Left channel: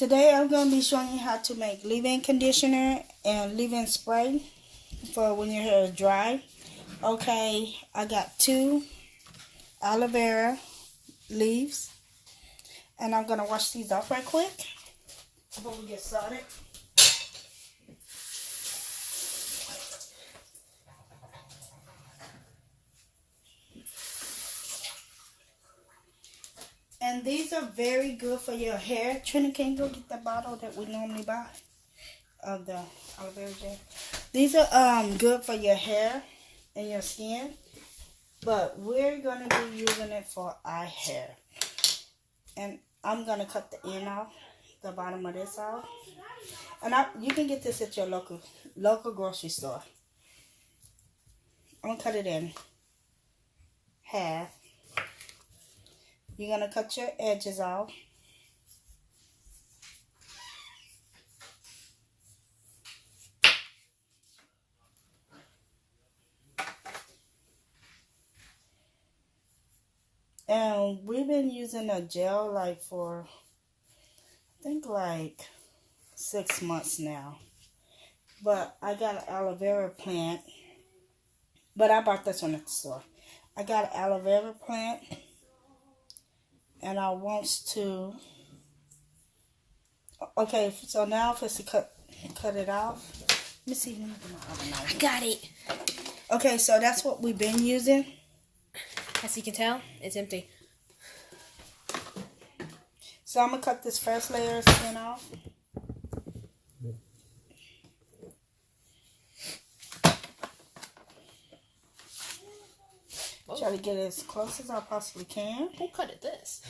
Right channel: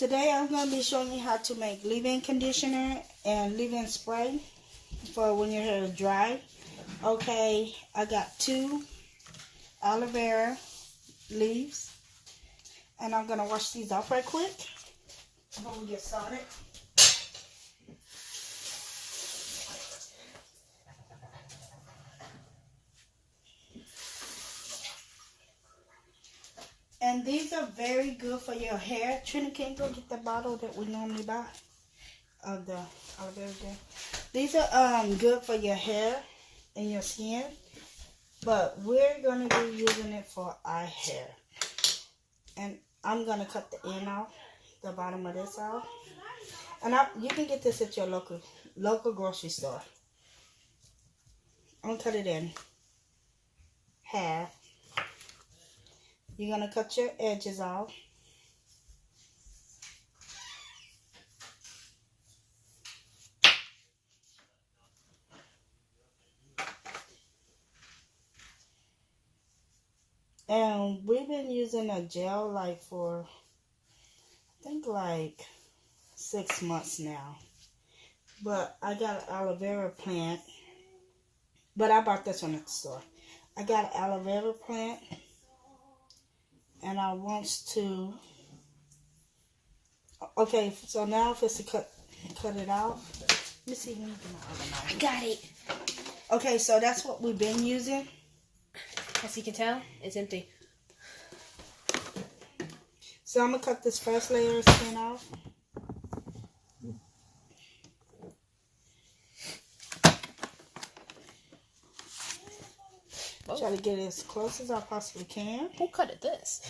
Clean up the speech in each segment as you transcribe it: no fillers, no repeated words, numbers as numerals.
Today I'm going to be showing you how to make leave-in conditioner and leave-in spray for when your hair is dry. Okay, I got 2 aloe vera leaves, and I'm going to wash these off right quick before we get started. And these are very good for your hair. Trina, can you go get the bottle that we normally buy of the aloe vera gel? These are good for your hair and your skin, but we're going to be using it for our hair. And I'm going to cut the end off, the bottom of this off. And you can get this at your local grocery store. I'm going to cut it in half. You're going to cut your edges off. And we've been using a gel for, I think 6 months now. But I got an aloe vera plant. But I bought this one at the store. I got an aloe vera plant. And I want to, okay, so now if it's to cut it off. Let me see. I got it. Okay, so that's what we've been using. As you can tell, it's empty. So I'm going to cut this first layer of skin off. Try to get it as close as I possibly can. Who cut it this?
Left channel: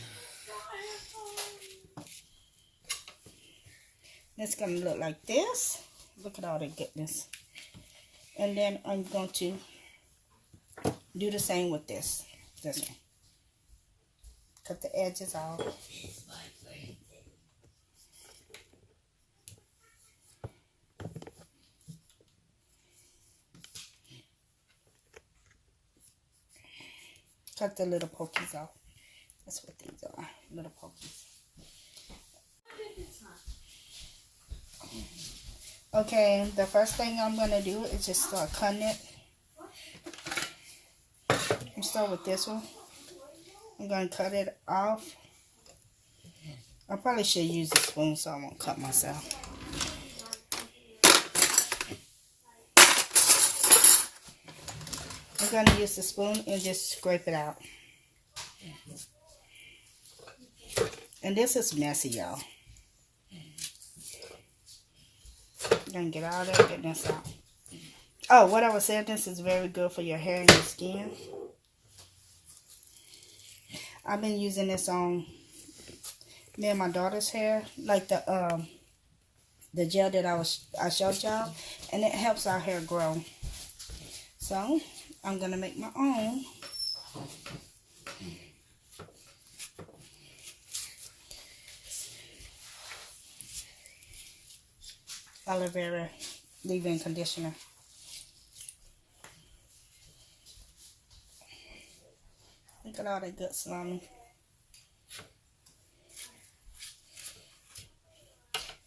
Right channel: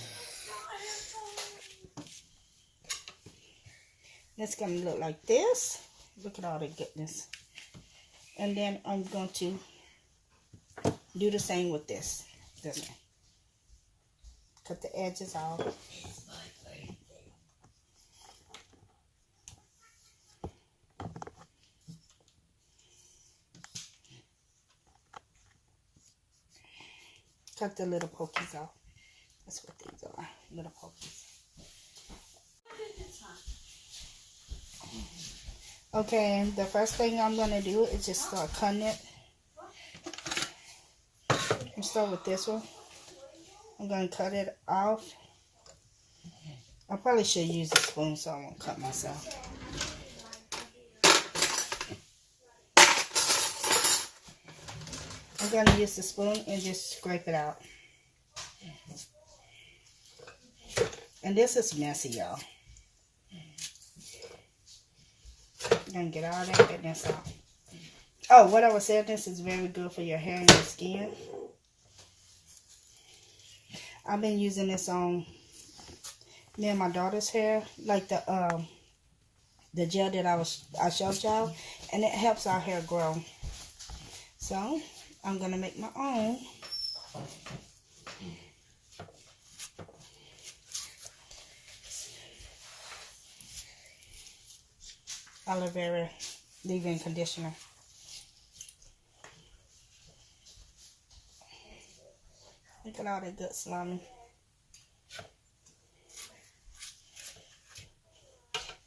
It's going to look like this. Look at all the goodness. And then I'm going to do the same with this one. Cut the edges off. Cut the little pokies off. That's what these are, little pokies. Okay, the first thing I'm going to do is just start cutting it. I'm start with this one. I'm going to cut it off. I probably should use a spoon so I won't cut myself. I'm going to use the spoon and just scrape it out. And this is messy, y'all. I'm going to get all that goodness out. Oh, what I was saying, this is very good for your hair and your skin. I've been using this on me and my daughter's hair, like the gel that I showed y'all, and it helps our hair grow. So I'm gonna make my own. Aloe Vera Leave-in Conditioner. Look at all that good slimy.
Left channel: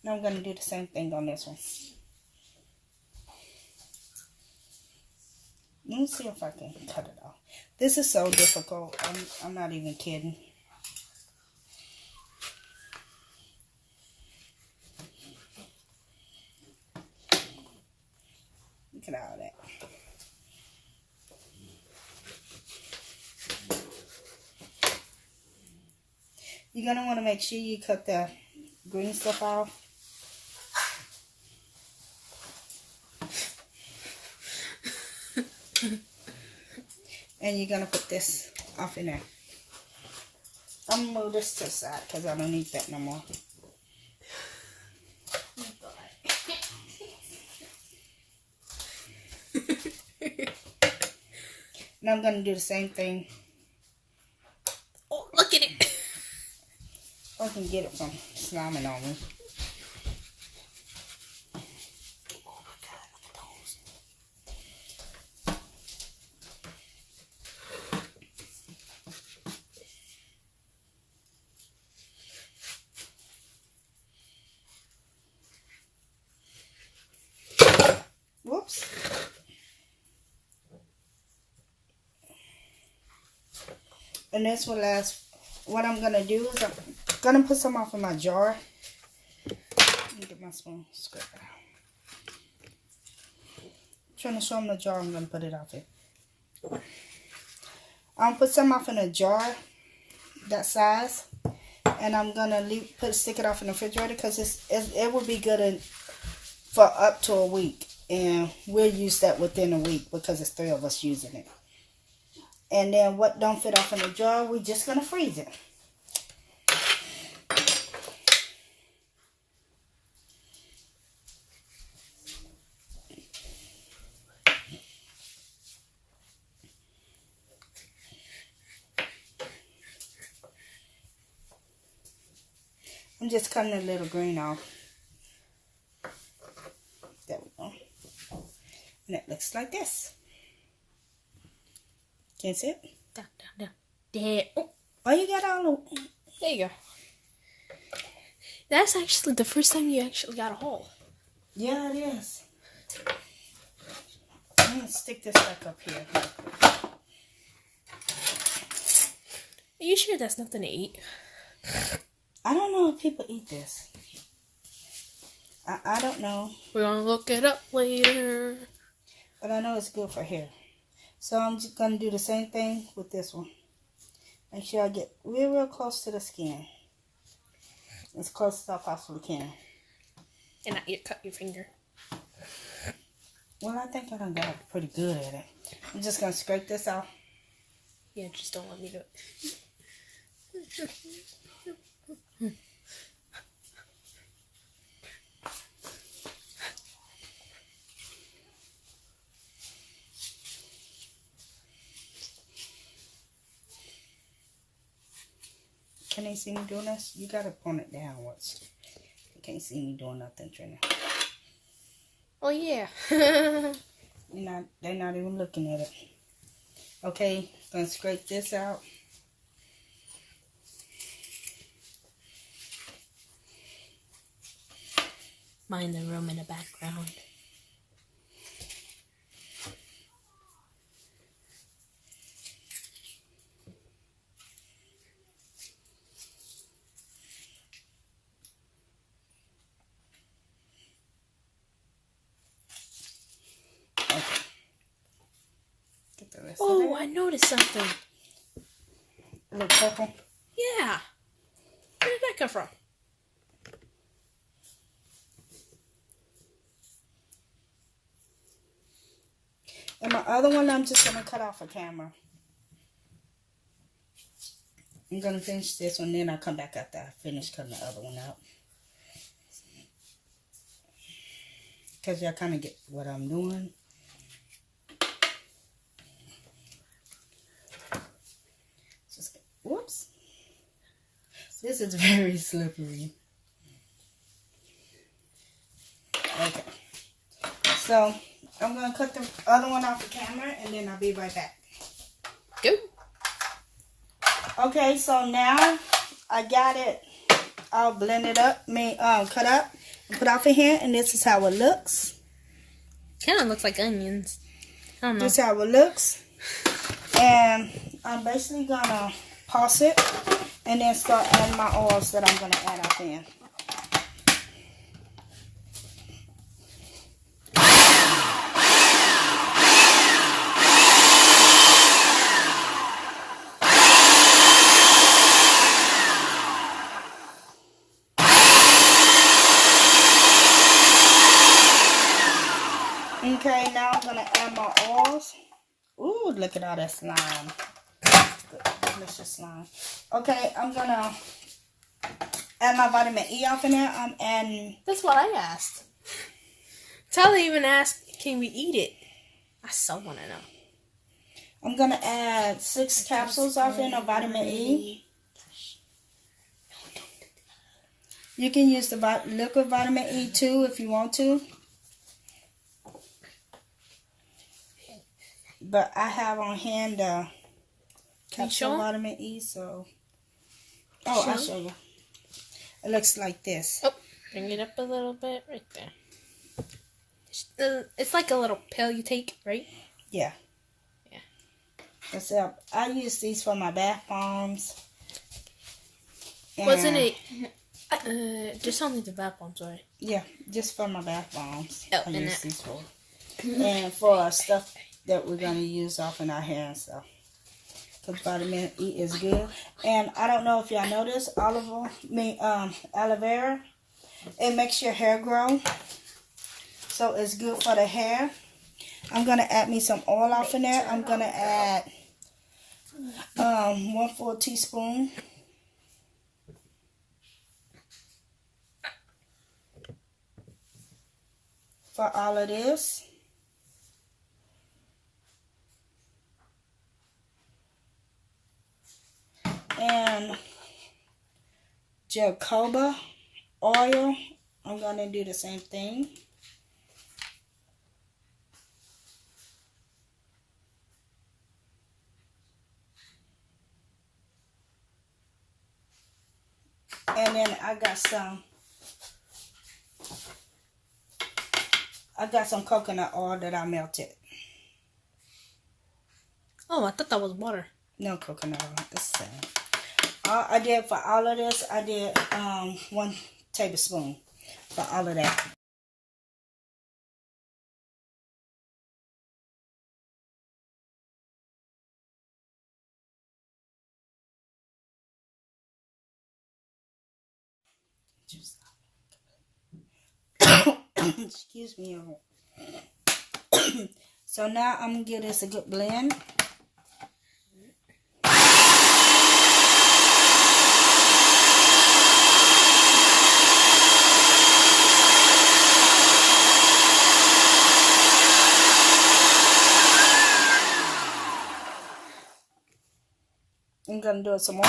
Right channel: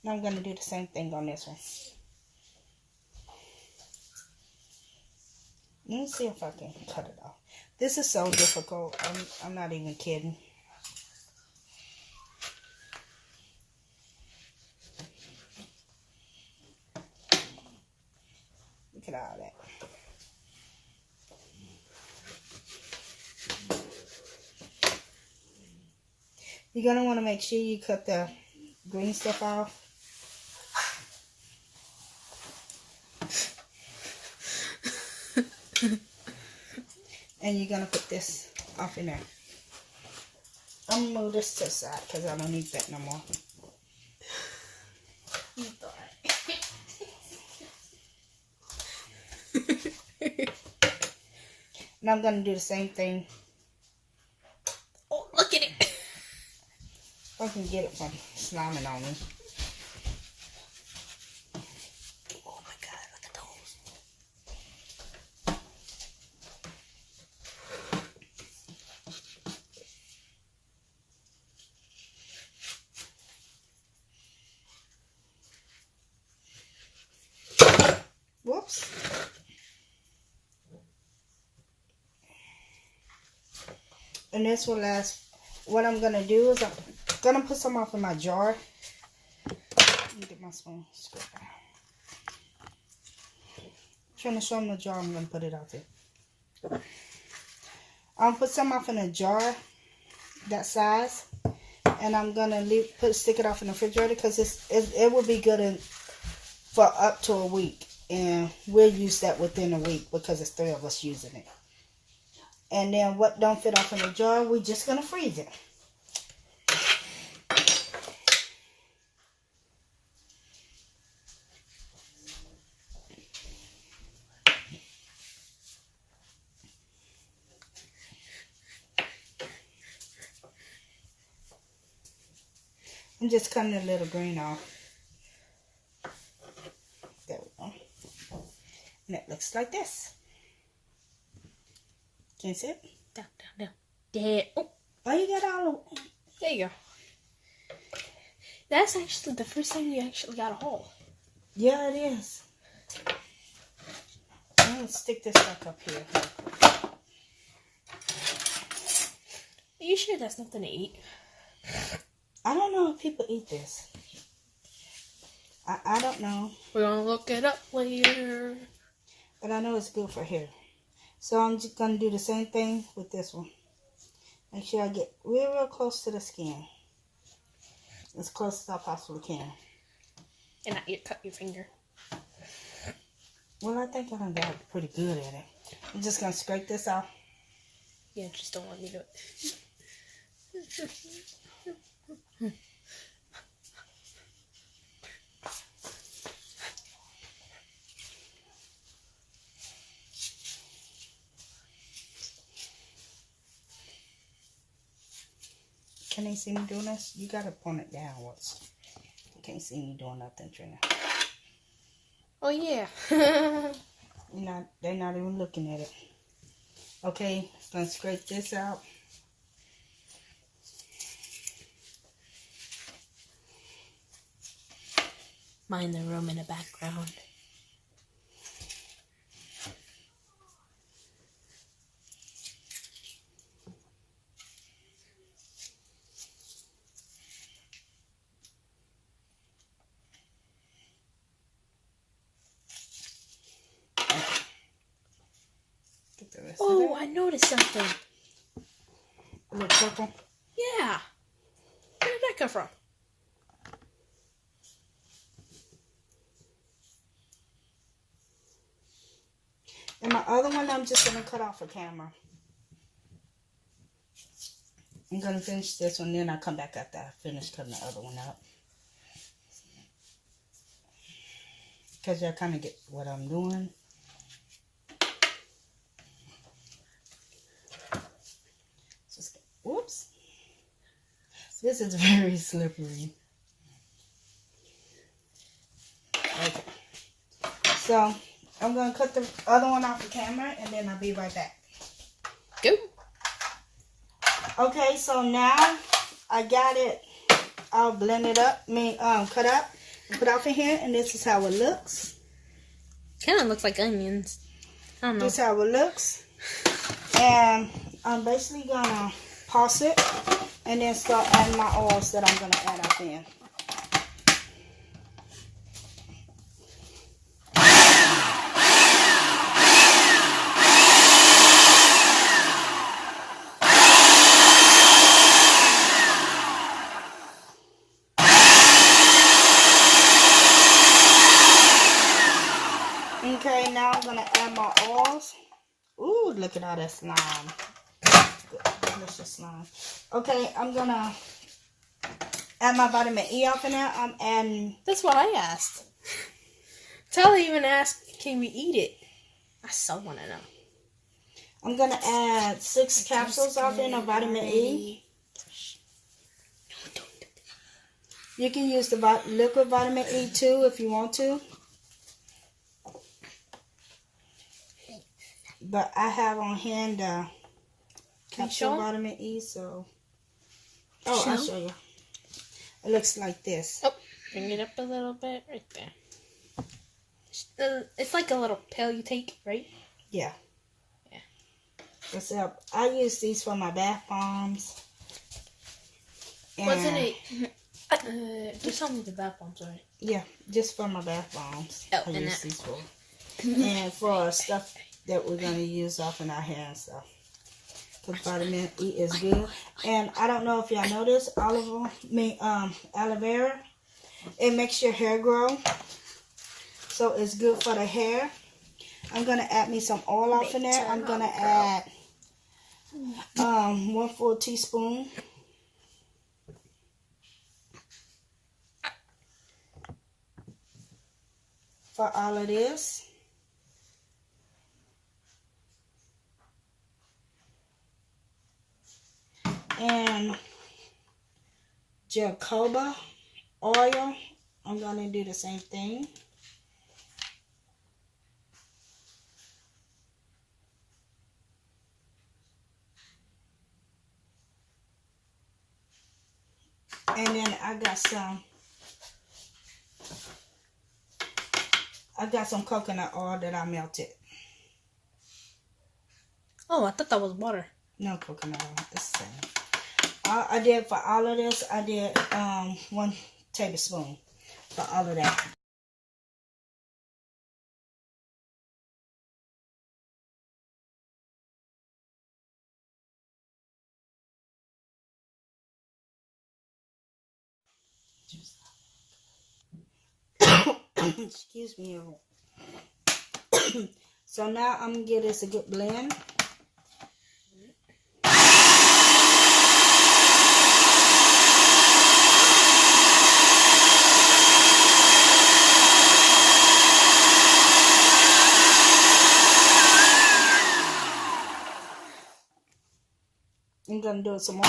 Now I'm going to do the same thing on this one. Let me see if I can cut it off. This is so difficult. I'm not even kidding. Look at all that. You're going to want to make sure you cut the green stuff off. And you're going to put this off in there. I'm going to move this to the side because I don't need that no more. Now I'm going to do the same thing. Oh, look at it. I can get it from sliming on me. Oh my God, look at those. drops. And this will last. What I'm going to do is I'm going to put some off in my jar. Let me get my spoon. Scrape it out. I'm trying to show them the jar. I'm going to put it off it. I'm put some off in a jar that size, and I'm gonna stick it off in the refrigerator because it will be good for up to a week, and we'll use that within a week because it's 3 of us using it. And then what don't fit off in the jar, we're just gonna freeze it. I'm just cutting a little green off. There we go. And it looks like this. Can you see it? Down. There. Oh, you got all of... There you go. That's actually the first time you actually got a hole. Yeah, it is. I'm going to stick this back up here. Are you sure that's nothing to eat? I don't know if people eat this. I don't know. We're going to look it up later. But I know it's good for hair. So I'm just going to do the same thing with this one. Make sure I get real close to the skin. As close as I possibly can. And not cut your finger. Well, I think I done got pretty good at it. I'm just going to scrape this out. Yeah, just don't let me do it. Can they see me doing this? You gotta point it downwards. You can't see me doing nothing, Trina. Oh yeah. They're not even looking at it. Okay, gonna scrape this out. Mind the room in the background. Oh, I noticed something. A little purple. Yeah. Where did that come from? And my other one, I'm just going to cut off a camera. I'm going to finish this one, then I'll come back after I finish cutting the other one out. Because y'all kind of get what I'm doing. Just, whoops. This is very slippery. Okay. So, I'm going to cut the other one off the camera, and then I'll be right back. Go. Okay, so now I got it all blended up, cut up, and put off in here, and this is how it looks. Kind of looks like onions. I don't know. This is how it looks. And I'm basically going to pause it, and then start adding my oils that I'm going to add up in. Okay, now I'm going to add my oils. Ooh, look at all that slime. Delicious slime. Okay, I'm going to add my vitamin E off in there. I'm adding... That's what I asked. Tell even asked, can we eat it? I so want to know. I'm going to add 6 capsules off in of vitamin E. You can use the liquid vitamin E too if you want to. But I have on hand capsule vitamin E, so... Oh, I'll show you. It looks like this. Oh, bring it up a little bit right there. It's like a little pill you take, right? Yeah. Yeah. Except I use these for my bath bombs. Wasn't it? Just only the bath bombs, right? Yeah, just for my bath bombs. Oh, I and use that. these for. And for stuff that we're going to use off in our hair and stuff. Because vitamin E is good. And I don't know if y'all know this, aloe vera, it makes your hair grow. So it's good for the hair. I'm going to add me some oil off in there. I'm going to add 1/4 teaspoon. For all of this. And jojoba oil. I'm going to do the same thing. And then I got some coconut oil that I melted. Oh, I thought that was water. No coconut oil. It's the same. I did for all of this, I did 1 tablespoon for all of that. Excuse me. So now I'm going to give this a good blend. I'm going to do it some more.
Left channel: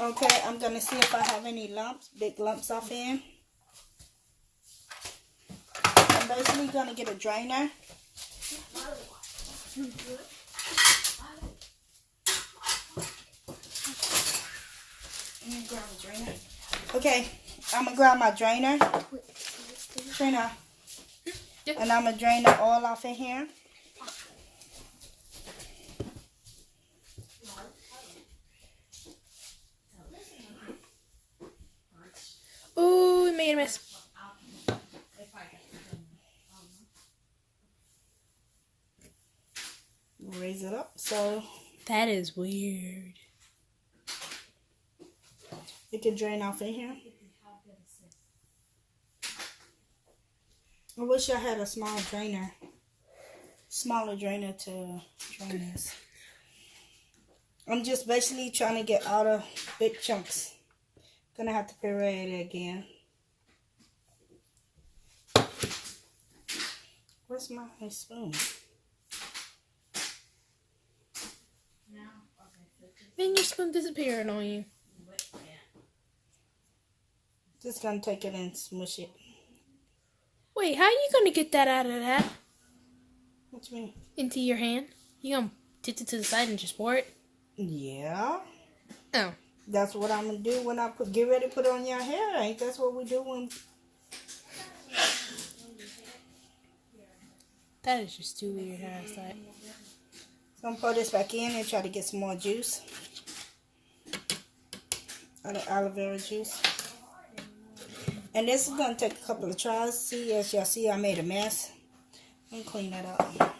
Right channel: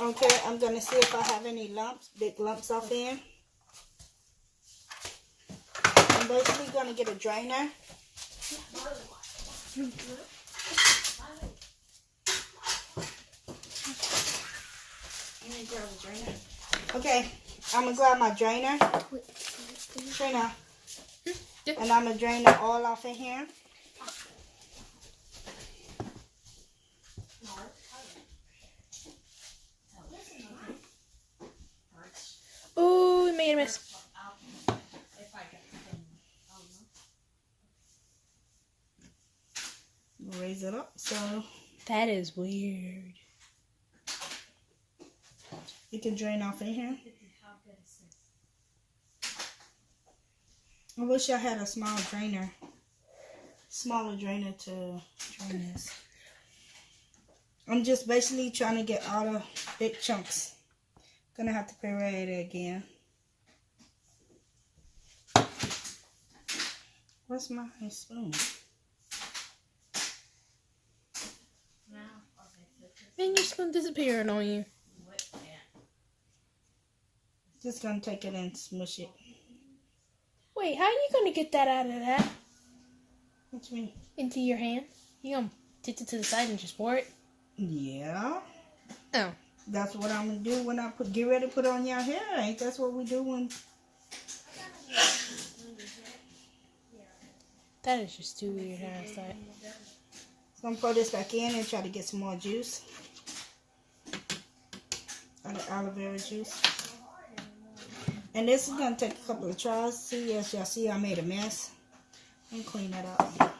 Okay, I'm going to see if I have any lumps, big lumps off here. I'm basically going to get a drainer. Okay, I'm going to grab my drainer. And I'm going to drain the oil off in here. Ooh, we made a mess. Raise it up so that is weird. It can drain off in here. I wish I had a smaller drainer to drain this. I'm just basically trying to get all the big chunks. Gonna have to puree it again. Where's my spoon? Man, your spoon disappeared on you. Just gonna take it and smush it. Wait, how are you gonna get that out of that? What you mean? Into your hand? You gonna tip it to the side and just pour it? Yeah. Oh. That's what I'm gonna do when I get ready to put it on your hair. Ain't that's what we do when? That is just too weird how it's like. So I'm gonna pour this back in and try to get some more juice. Aloe vera juice. And this is gonna take a couple of tries. See, as y'all see, I made a mess. And clean that up.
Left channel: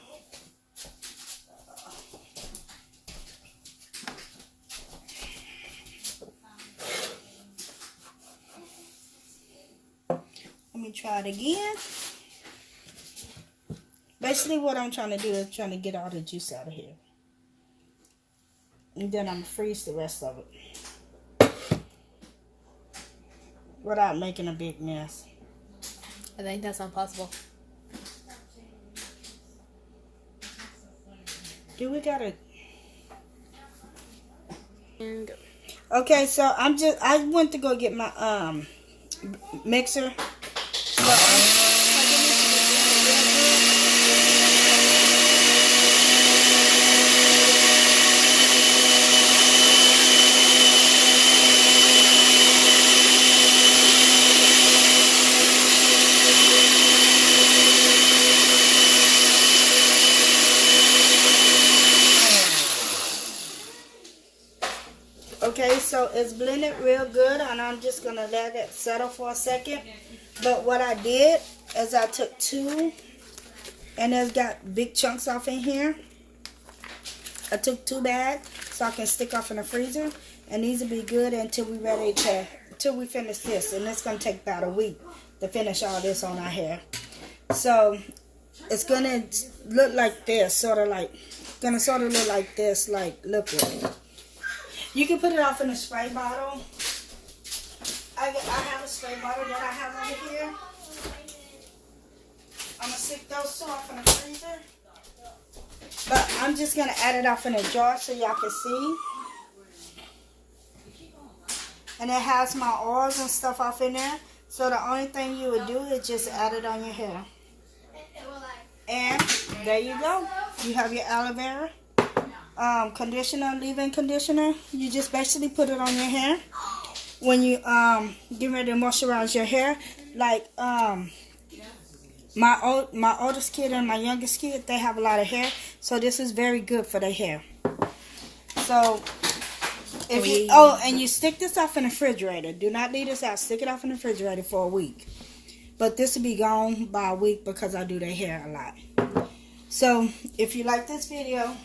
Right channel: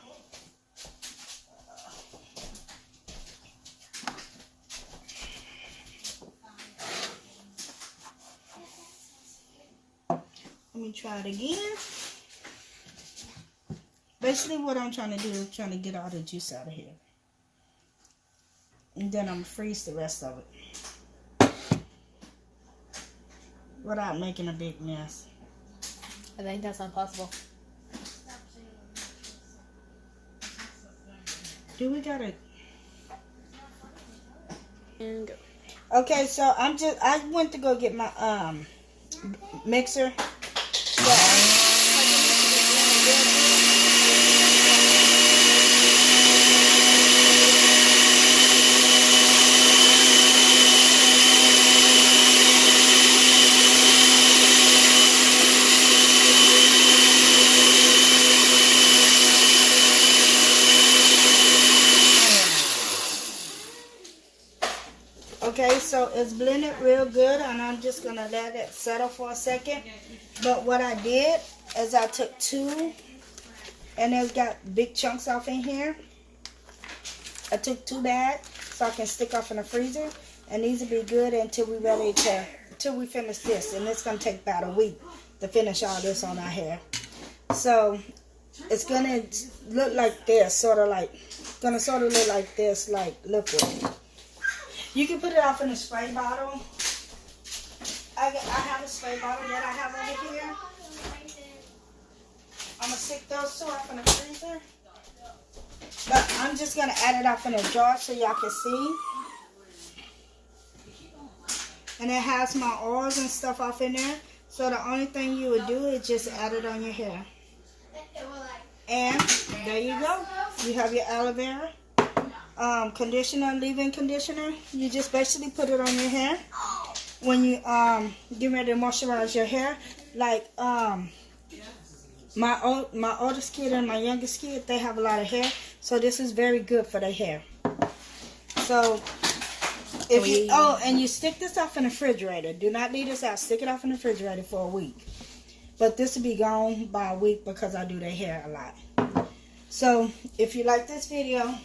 Let me try it again. Basically what I'm trying to do is trying to get all the juice out of here. And then I'm going to freeze the rest of it. Without making a big mess. I think that's impossible. Do we got it? And go. Okay, so I went to go get my mixer. Okay, so it's blended real good, and I'm just going to let it settle for a second. But what I did is I took 2, and it's got big chunks off in here. I took 2 bags so I can stick off in the freezer, and these will be good until we finish this. And it's going to take about a week to finish all this on our hair. So it's going to look like this, sort of look like this, like liquid. You can put it off in a spray bottle. I have a spray bottle that I have over here. I'm going to stick those 2 off in the freezer. But I'm just going to add it off in a jar so y'all can see. And it has my oils and stuff off in there. So the only thing you would do is just add it on your hair. And there you go. You have your aloe vera conditioner, leave-in conditioner. You just basically put it on your hair when you get ready to moisturize your hair. Like my oldest kid and my youngest kid, they have a lot of hair, so this is very good for their hair. So if you, and you stick this off in the refrigerator. Do not leave this out. Stick it off in the refrigerator for a week. But this will be gone by a week because I do their hair a lot. So if you like this video,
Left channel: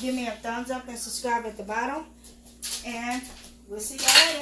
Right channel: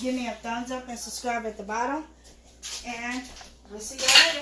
give me a thumbs up and subscribe at the bottom. And we'll see y'all later.